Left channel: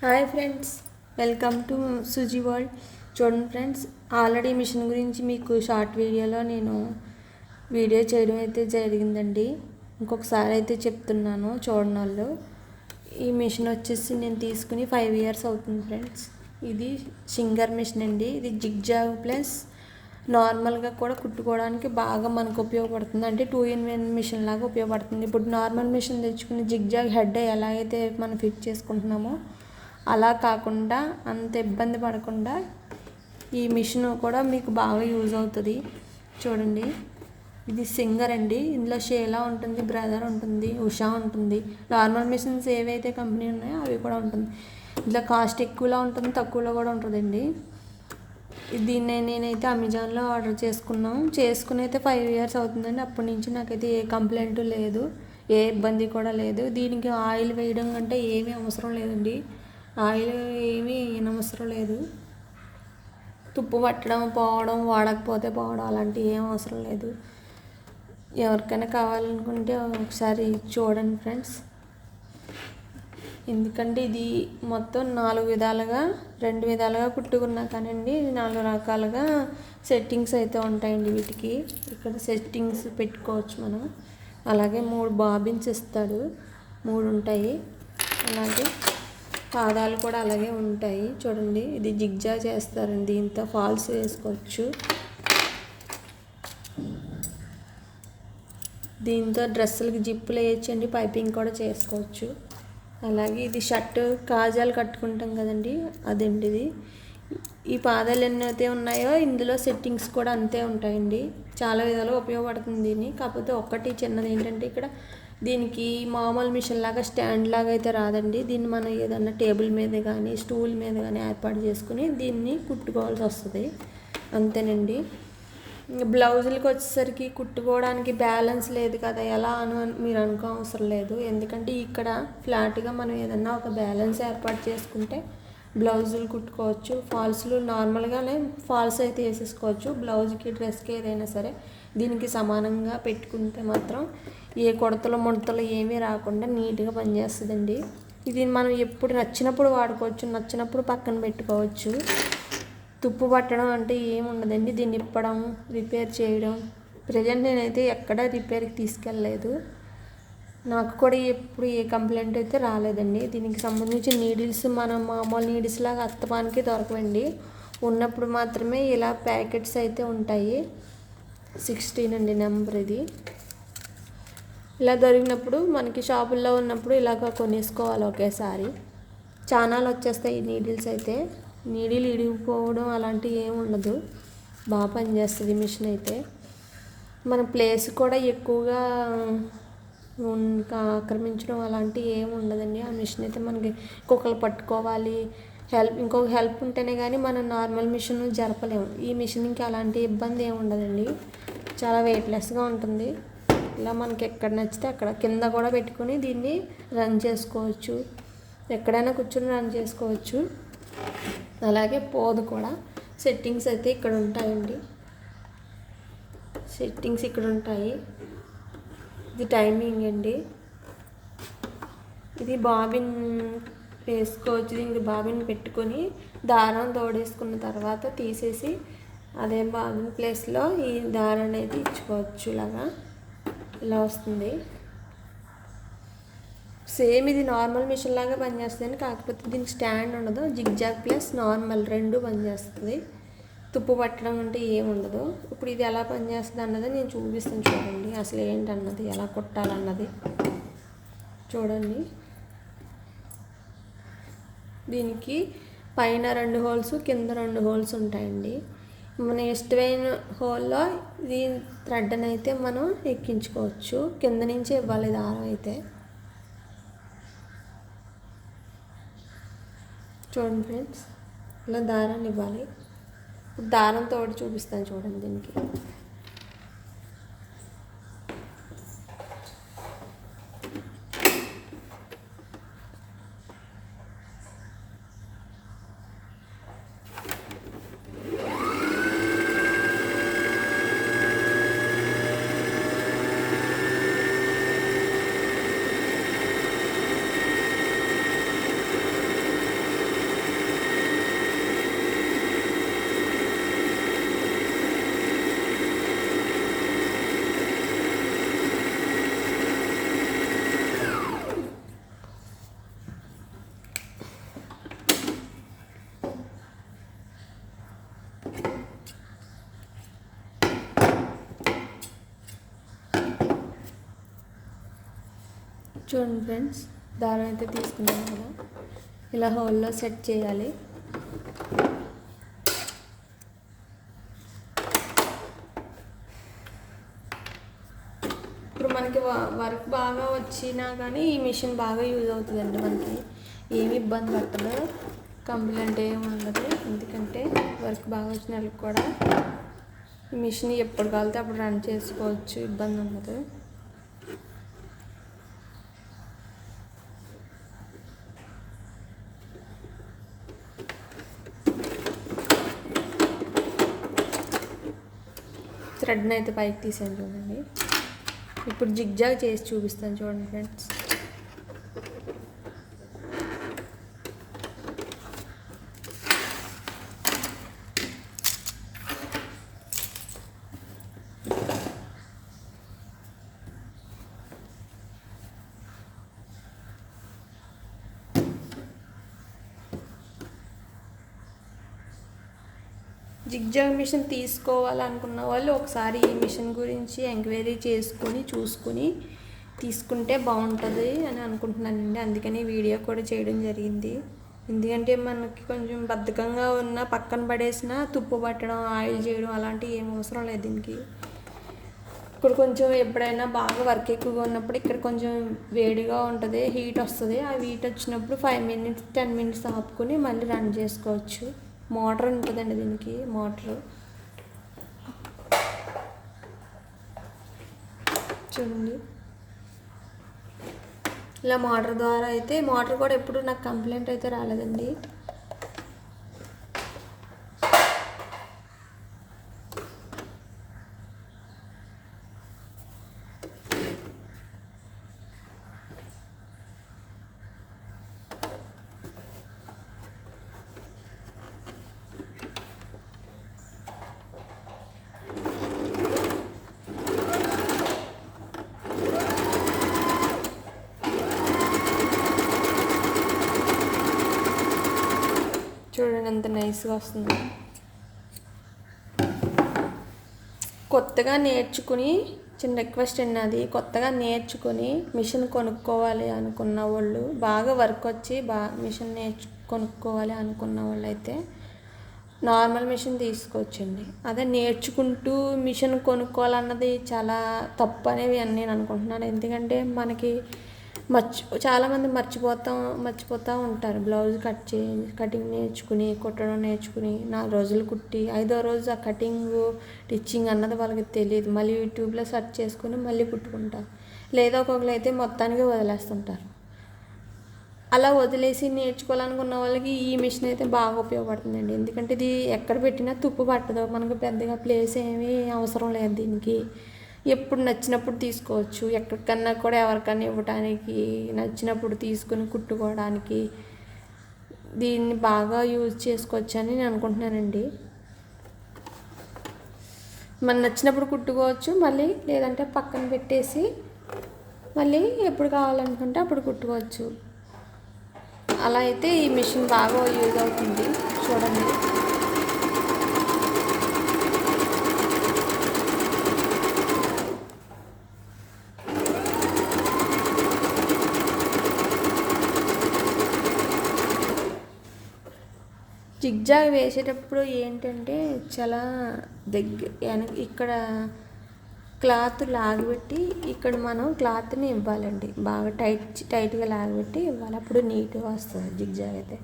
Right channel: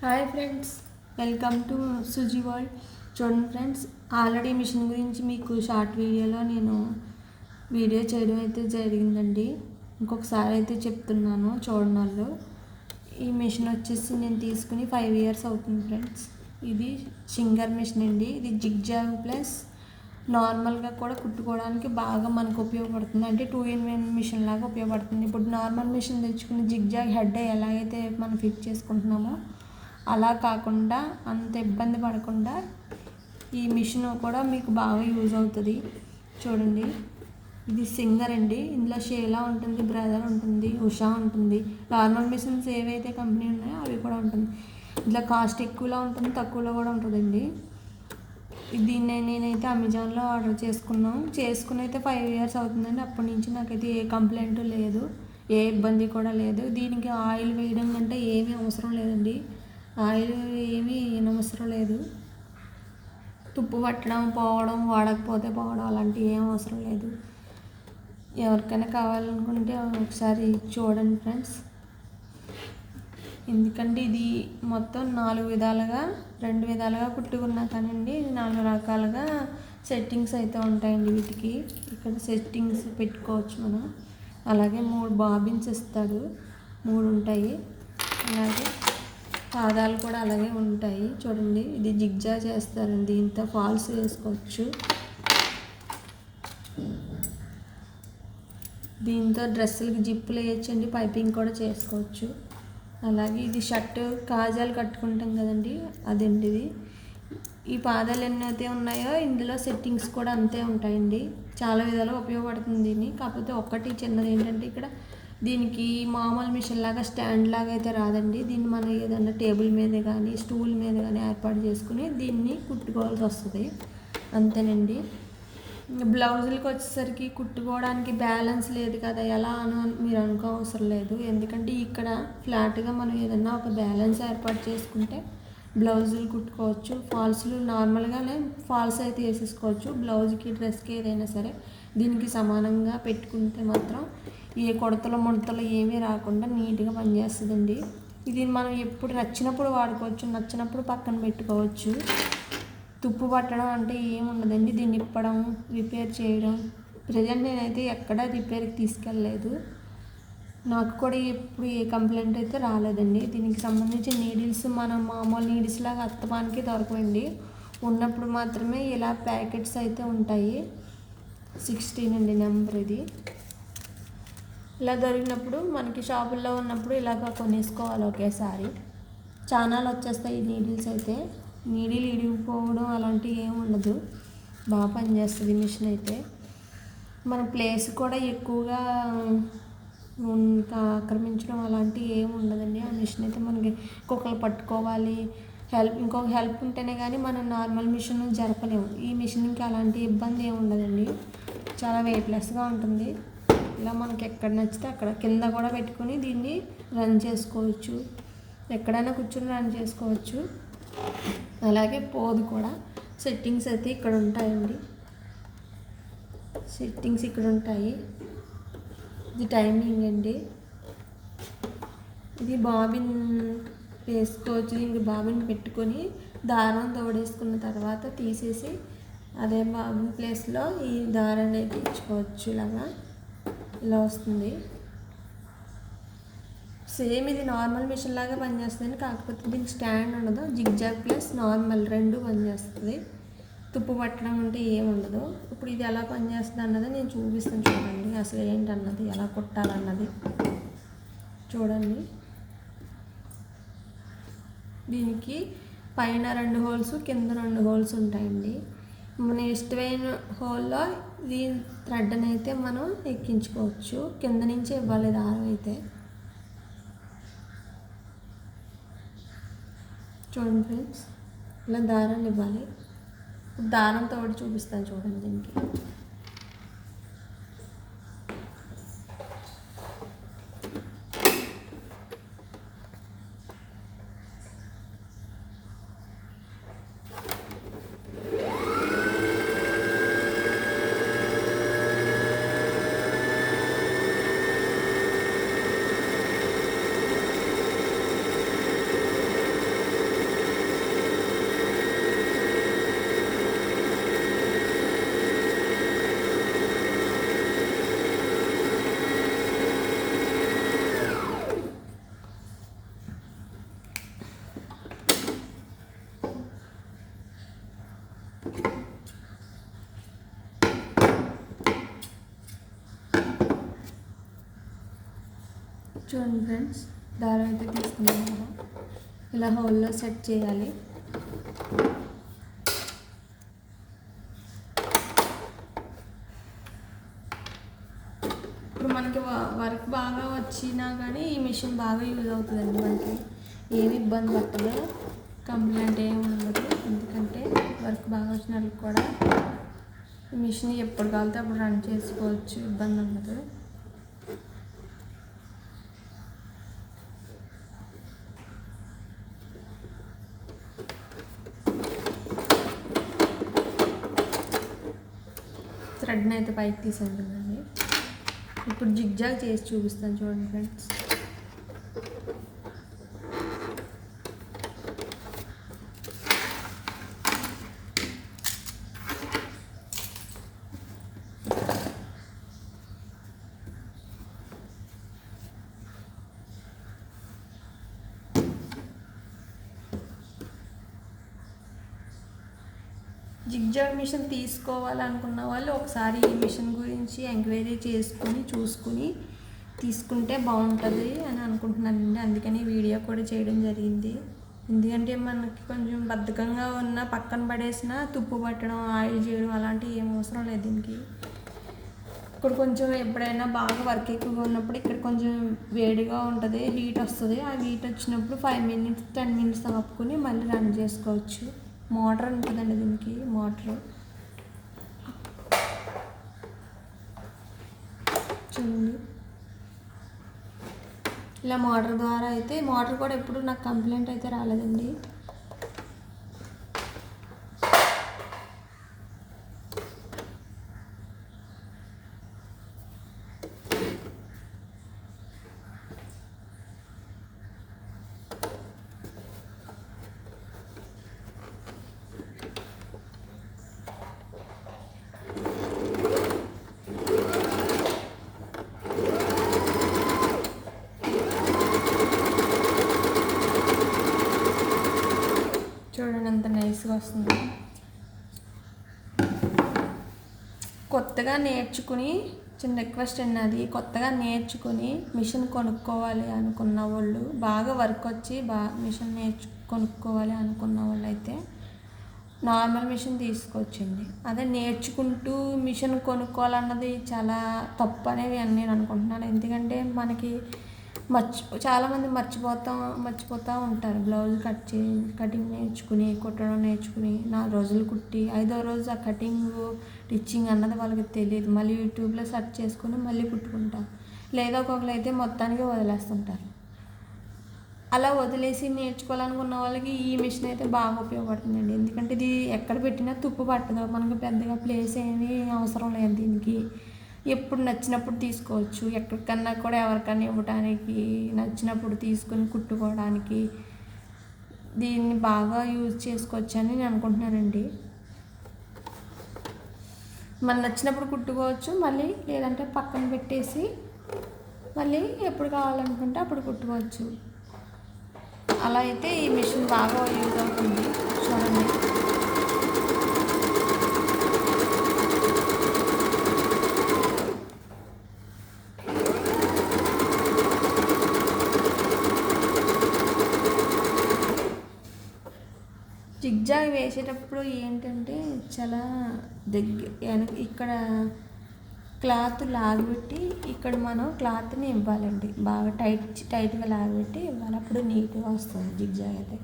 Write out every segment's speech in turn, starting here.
Hi friends welcome to Suji world చూడండి friends already machine గురించి మీకు షార్ట్ వీడియోలో నేను వీడియో చేయడం అయితే జరిగిందండి. ఇంకొకసారి అయితే చెప్తున్నాను చూడండి వాళ్ళు. ఈ మిషన్ వచ్చేసి నేను తీసుకుని ఫైవ్ ఇయర్స్ అవుతుంది ఫ్రెండ్స్ ఇది సింగర్ మిషన్ అండి. ఇది జిగ్జాగ్ ప్లస్ నార్మల్గా కూడా కుట్టుకోవడానికి బాగా మనకు ఉపయోగపడుతుంది. అంటే టూ ఇన్ వన్ మిషన్ లాగా ఉపయోగపడుతుంది. ఇప్పుడు నార్మల్ మిషన్ తెచ్చుకుని జిగ్జాగ్ హెడ్ ఎలాగైతే మనం ఫిట్ చేసుకుంటున్నామో అలా కాకుండా అంత ఇబ్బంది పడకుండా ఈ మిషన్ కూడా మీకు బాగా యూజ్ అవుతుంది. చూడండి. ఇది సింగర్ అండి. ఇందులో షేలా ఉంటుంది బ్రదర్ ఉంటుంది ఉషా ఉంటుంది. నార్మల్ మిషన్స్ ఏవైతే కంపెనీ ఉన్నాయో అవి కూడా ఉంటుంది. ఇందులో కాస్ట్ ఎక్కువలో ఉంటుంది తక్కువలో కూడా ఉంటుందండి. దీన్ని నేనైతే అమెజాన్లో ఆర్డర్ చేసుకున్నాం. చేసుకుని అయితే ఫైవ్ ఇయర్స్ అవుతుందండి. అప్పటి నుంచి నాకైతే ఏ కంప్లైంట్ లేదు. ఏ ఇబ్బంది కూడా లేదు. దీనికి ఆయిల్ వేయడం కంటే ఏమీ అవసరం లేదండి. ఆయిల్ ఏమీ అవసరం లేదు. తుప్పు పట్టడం పోవడం వాడకపోతే పోవడం అలాంటివి ఏం అవసరం లేదు. ఎవరికైనా కావాలనుకుంటే ఒకసారి చూడండి ఫ్రెండ్స్. ఎందుకంటే ఇది మొత్తం నాలుగు విధాలుగా రెండు విధాలుగా కుట్టుకున్నా కానండి నాలుగు రకాలుగా సెట్టింగ్స్ అయితే ఉంటాయండి వీటికి. ఇక్కడ సెట్టింగ్స్ పెట్టుకోవచ్చు మనం. అలాగే మూడు బాబిన్స్ ఇస్తాడు. మూడు ఉంటాయి. అలాగే పాదాలు కూడా అలాగే ఉంటాయి. చూడండి ఇది జిగ్జా చేస్తారండి. ఇంత ఫాల్స్ వేసుకోవచ్చు. దీంతో డ్రెస్సులకి జిప్పులు వేయచ్చండి పైపింగ్ కూడా చేసుకోవచ్చు. అలాగే ఇది షర్ట్ కాజాలు కట్టుకుంటాం కదండి. అదండి ఇది. ఈ పాదాలు ఎన్నైతే ఉన్నాయో ఇందులో సెట్టింగ్స్ కూడా అంతే ఉంటాయండి. చాలా విధాలుగా ఉపయోగపడుతుంది దీన్ని. కాకపోతే ఒక్కటి చిన్నది ఏంటంటే ఇక్కడ దీనికి మామూలు మిషన్ లాగా స్టాండ్ లాగా అయితే రాదండి. దీన్ని మనం ఏదన్నా టేబుల్ మీద కానీ స్టూల్ మీద కానీ ఏర్పాటు చేసుకుని దీన్ని కుట్టుకోవాల్సి వస్తుంది. అంతేనండి. బ్లౌజులకి వచ్చేసరికి కుట్టుకోవడానికి బ్యాలెన్స్ లేదు కదా ఎలా అను మీరు అనుకో అవసరం లేదు. ఎందుకంటే ఇక్కడ ఫ్లాట్గా మనం ఏదన్నా ఒక బ్యాలెన్స్ ఏర్పాటు చేసుకుంటే బ్లౌజులు కుట్టుకోవచ్చు. ఫాల్స్లు నార్మల్గానే ఫాల్స్ అయితే వేసేసుకోవచ్చు. బ్లౌజ్కి డ్రెస్కి ఏదైనా సరే దీనికి సమానంగా పెట్టుకుంటే మాత్రం ఏ కొడతలు ముడతలు ఏమీ రాకుండా నీట్గా పనిచేస్తుందండి. ఇది మనం ఎప్పుడు నచ్చినప్పుడు వాడుకోవచ్చు నచ్చినప్పుడు పక్కన పెట్టుకోవచ్చు. తుప్పు పట్టడం అంటే ఏముండదండి. దీన్ని ఇప్పడం రిపేర్ చేయడం. ప్రజెంట్ నేనైతే ఎక్కడ రిపేర్కి తీసుకెళ్ళలేదు. నాకు కూడా ఎప్పుడు ఏ కంప్లైంట్ అయితే రాలేదండి. దీనికి సంబంధించి నీడిల్స్ మనం మామూలు నీడిల్స్ లాగా అత్తపానికి దొరకవండి. ఉన్నప్పుడు మాత్రమే ఇలా ప్యాకెట్స్ అయితే ఉంటాయి. సిక్స్టీన్ అండి నెంబర్ ఇది. ఇలా దొరికినప్పుడు మనకి షాపుల్లో ఉన్నప్పుడు ఇలాగ కొనేసుకోవాలి ఒకేసారి. చానాలు వచ్చేస్తాయి ఈ నీడిల్స్ అయితే. నీడిల్ ఇడిగిపోవడం అలాంటివి ఏమి ఉండదు. బాగా పనిచేస్తుంది మిషన్ అయితే. మన ప్లేస్ కూడా ఎక్కువగా ఆక్రమించడం అలాంటివి ఏమి ఉండదండి. ఆ మిషన్ అయితే మనకి కుక్కలు పట్టుకోవాలి హెల్ప్ ఇంకొక హెల్ప్ ఉంటేనే కానీ మనం నార్మల్ మిషన్ జరపలేము. ఈ మిషన్కి అలాంటి ఇబ్బంది ఏమి ఉండదండి. చాలా వెయిట్లెస్గా ఉంటుంది. ఇలా మనకి ఎక్కడ నచ్చితే అక్కడ కింద కూడా పెట్టుకొని దీన్ని రన్ చేసుకోవచ్చు. ఎక్కడైనా కూర్చొని రన్ చేసుకోవచ్చు. అలాగే పోదు కూడా. సెట్టింగ్స్ అయితే ఇక్కడ ఉంటాయండి. సెట్టింగ్స్ ఇక్కడ ఉంటాయి. ఇది టైమింగ్ అండి. ఇది బాబిన్ వేసుకోవచ్చు ఇంక బాబుని పెట్టుకొని దారం తోడేసుకున్న తర్వాత తీసేసి అదే బాబిన్ ప్లేస్లో ఈ దారం అనేది ఇచ్చుకోవచ్చు ఇలాగా ఇలా వస్తుంది. సేమ్ ఇది నార్మల్ మిషన్ లాగా పనిచేస్తుంది కాకపోతే దీనికి స్టాండ్ ఉండదు. జిగ్జాగ్ ప్లస్ నార్మల్ రెండు పనిచేస్తుంది. తుప్పు పట్టడం అంటే ఏముండదు ఇప్పుడు ఇది ఎలా పనిచేస్తుంది అన్నది నేను చూపిస్తాను చూడండి. అసలు ఏంటన్నది ఎలా కొట్టాలన్నది. చూడండి. దీనికి పైన రెండు హోల్స్ కింద రెండు హోల్స్ ఉంటాయండి. మన ఇష్టమైన హోల్లో ఈ థ్రెడ్ అయితే మనం ఎక్కించుకోవచ్చు. కింద నుంచి ఇవ్వాలి దారం అయితే. చూడండి ఫ్రెండ్స్ ఇలా దారాన్ని ఇవ్వాలి. దారంతో చూపిస్తాను చూడండి దీనికి. చూడండి ఫ్రెండ్స్ దారం అయితే తీసుకున్నాం కదా ఇలా హోల్లో సెట్ చేయాలి. ఇప్పుడు మనకి వ- వర్క్ బాగా వచ్చినా కానీ ఈ మిషన్ బాగా యూజ్ అవుతుందండి మనకి. ఏమి ఇబ్బంది పట్టలేదు కంప్లైంట్ ఏమి ఉండదు. ఎందుకంటే వర్క్ బాగా వచ్చిన వాళ్ళకి కూడా ఈ మిషన్ ఎప్పుడు కలితే అప్పుడు రన్ చేసుకోవచ్చు. ఇబ్బంది ఉండదు. థ్రెడ్ని అయితే పైకి తీసాను చూడండి. ఇప్పుడు జిగ్జాగ్ చేసి చూపిస్తాను చూడండి ఫ్రెండ్స్. జిగ్జాగ్ మిషన్ తీసుకోవాలనుకున్న వాళ్ళు ఒకసారి ఈ మిషన్ గురించి ఎంక్వైరీ చేసుకుని చూసుకుని తీసుకుంటే బాగుంటుంది అని అనుకుంటున్నానండి. అందుకని వీడియో కూడా చేయడం జరిగింది. ఎందుకంటే మనకి కొంచెం బద్ధకంగా ఉన్న పక్కన పడేసిన తుప్పు పట్టడం ఆయిల్ చేయడం అలాంటివి ఏం అవసరం లేదు దీనికి. ఇప్పుడు కొంచెం ఎప్పుడైనా బాగా వర్క్ ఎక్కువగా ఉన్నప్పుడు ఇక్కడ కొంచెం వేడిగా ఉంటుంది హీట్ వస్తుంది. ఆ హీట్ వచ్చినప్పుడు ఫైవ్ మినిట్స్ టెన్ మినిట్స్ ఆపుకొని మళ్ళీ రన్ చేసుకోవచ్చు. మోటార్ ఉంటుందండి దీనికి మోటార్. చూడండి. ఇలా మోటార్ ద్వారా అయితే మోటార్ కూడా ఎప్పుడు నాకు కంప్లైంట్ అయితే రాలేదండి చూడండి ఎంత నైస్గా వస్తుంది. కొత్తగా నేర్చుకుని చిన్న రిక్వెస్ట్ అండి అది. కొత్తగా నేర్చుకుని మిషన్ కొనుక్కోవాలి అనుకున్న వాళ్ళు బాగా వర్క్ వచ్చి బాగా మిషన్ నేర్చు కొనుక్కోవాలి అనుకున్న వాళ్ళు అయితే నార్మల్ మిషన్ తీసుకొచ్చింది అదే నేర్చుకుంటూ మిషన్ కొనుక్కోవాలన్నది చాలా తప్పు అనేవి అని నేను అనుకుంటున్నాను. ఎందుకంటే మనకి మర్చి చాలామంది మర్చిపోతా మర్చిపోతూ ఉంటారు. బ్లౌజ్ కట్ చే కటింగ్ నేర్చుకుని కుట్టడం నేర్చుకుని నాలుగు రోజులు కుట్టి ఐదో రోజు ఆ కటింగ్ టిచ్చింగ్ అన్నది వాళ్ళకి తెలియదు. మళ్ళీ యూట్యూబ్లో సెర్చ్ చేసుకుని మళ్ళీ కుట్టుకుంటారు లేదా ఒక్కొక్కరు అయితే మొత్తానికి వదిలేస్తుంటారు. అలా వదిలేసి నేర్చుకోవాలనుకున్న వాళ్ళకి ఈ మిషన్ అయితే బాగా ఉపయోగపడుతుందండి. ఎందుకంటే ఇది ఎక్కడ పెట్టినా తుప్పు పట్టదు. మనకు పెద్దగా ప్లేస్ ఏమీ అవసరం లేదు దీనికి. ఎప్పుడు నచ్చినప్పుడు తీసుకోవచ్చు. ఎక్కడికన్నా కూడా ఎవరికన్నా ఇవ్వడానికి నచ్చినప్పుడు తీసుకుని కుట్టుకోవడానికి దీన్ని బాగా యూజ్ చేసుకోవచ్చు అని నేను అనుకుంటున్నానండి. మన నచ్చినప్పుడు కుట్టుకోవచ్చు మళ్ళీ లేదంటే పక్కన పెట్టేసి మళ్ళీ ఎప్పుడు కావాలనుకుంటే అప్పుడు కుట్టుకోవచ్చు. అలా అయితే ఈ మిషన్ బాగా యూజ్ అవుతుంది. చూడండి. జిగ్జాగ్ వేసేటప్పుడు ఏంటంటే చాలా దగ్గర ఇక్కడ క్లాత్ లాగబెట్టి ఇక్కడ మనం క్లాత్ని ఇవ్వాలండి. బాగా టైట్ టైట్గా లాగబెట్టి ఇవ్వాలి. అప్పుడు నీట్గా వస్తుంది జిగ్జాగ్ అయితే.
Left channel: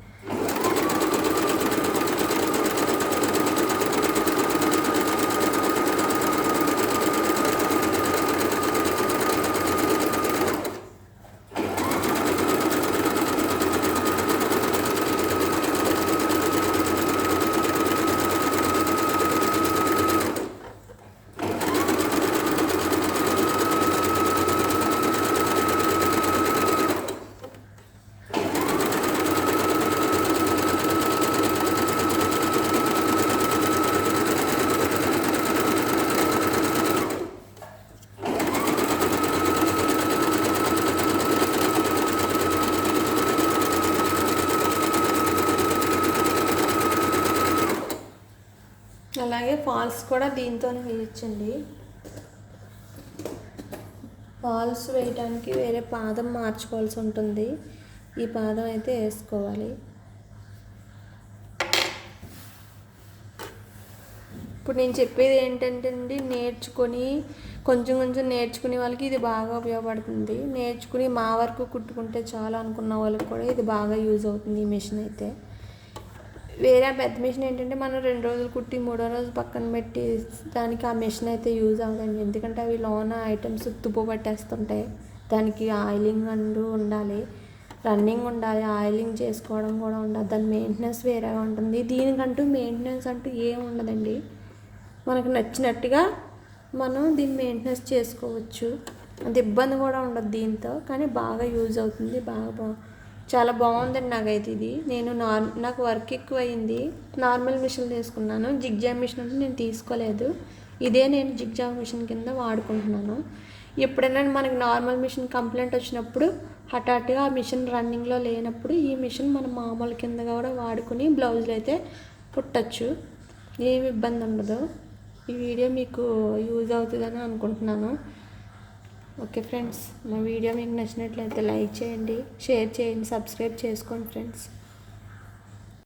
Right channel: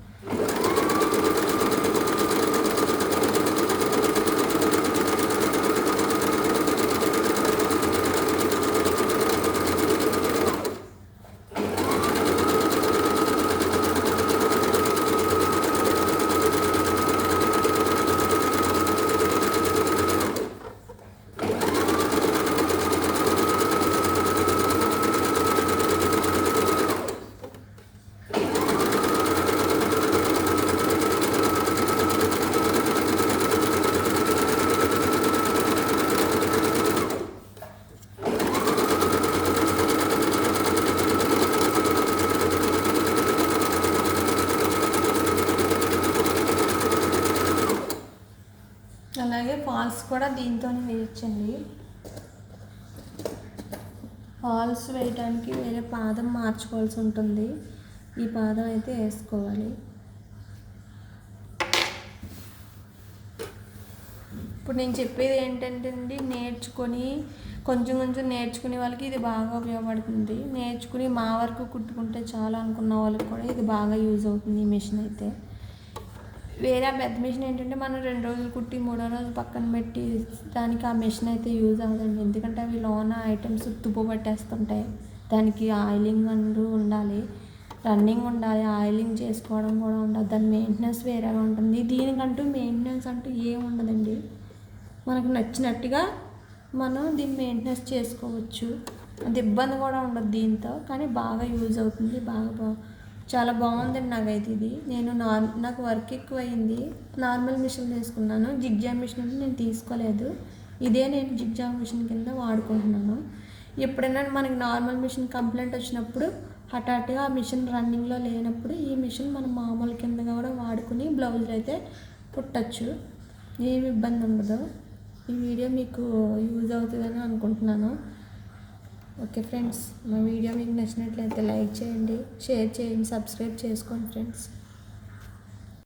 అలాగే ఫాల్స్ కూడా దీంతో వేయచ్చండి. ఫాల్స్ వేయడానికి వేరే పాదం మార్చుకోవాల్సి ఉంటుంది. ఈ పాదం అయితే వేసుకోవాలి. ఇప్పుడు నేను చెప్పేది ఏంటంటే అండి నేర్చుకొని కొంచెం కొంచెం నేర్చుకునే వాళ్ళకి ఇది బాగా ఉపయోగపడుతుంది. నేర్చుకుని మా వరకు కుట్టుకుంటే చాలా అనుకున్న వాళ్ళకి కూడా ఇది బాగా యూజ్ అవుతుంది ఈ మిషన్ అయితే. వేరే పెద్ద మిషన్ ఏంటంటే మనం రెండు రోజులు కుట్టి మూడో రోజు పక్కన పెట్టి దానికి ఆ మిషన్ అయితే యూజ్ అవ్వదండి. ఎందుకంటే అవి లోన ఐటమ్స్ తుప్పు పట్టేస్తుంటాయి దానికి ఆయిలింగ్ అంటూ ఉండాలి. రన్నింగ్ ఉండాలి. ఆయిలింగ్ చేసుకోవడం కూడా ఉండాలి దాని మెయింటెనెన్స్ వేరేగా ఉంటుంది. దీనికంటూ మెయింటెనెన్స్ అంటూ ఏం ఉండదండి. మనకు నచ్చినట్టుగా మనం దీన్ని మెయింటెనెన్స్ చేసుకోవచ్చు. అంత ఇబ్బంది కూడా ఉండదు దీంతో. కానీ బాగా యూజ్ అవుతుంది. బాగా చాలా బాగుందండి నాకైతే ఇది. నేను నార్ నాకు వర్క్ ఎక్కువ అయింది నార్మల్ మిషన్ తీసుకున్నాను. జిగ్జామ్ మిషన్ అంటే నేను తీసుకోలేదు. ఇదే నేను జిగ్జామ్ మిషన్ కింద వాడుకుంటున్నాను. ఎప్పుడైనా మనకి నార్మల్ మిషన్ కంప్లైంట్ వచ్చినప్పుడు హఠాత్తుగా ఆ మిషన్ రన్నింగ్లో లేనప్పుడు ఈ మిషన్ మనం మామూలు కింద కూడా వాడుకుని బ్లౌజులు అయితే కుట్టచ్చు. ఏమి ఇబ్బంది ఉండదు. ఈ వీడియో మీకు యూజ్ అవుతుందని అనుకుంటున్నాను. ఓకే ఫ్రెండ్స్ మా వీడియో మీకు నచ్చినట్లయితే లైక్ చేయండి షేర్ చేయండి సబ్స్క్రైబ్ చేసుకోండి ఫ్రెండ్స్.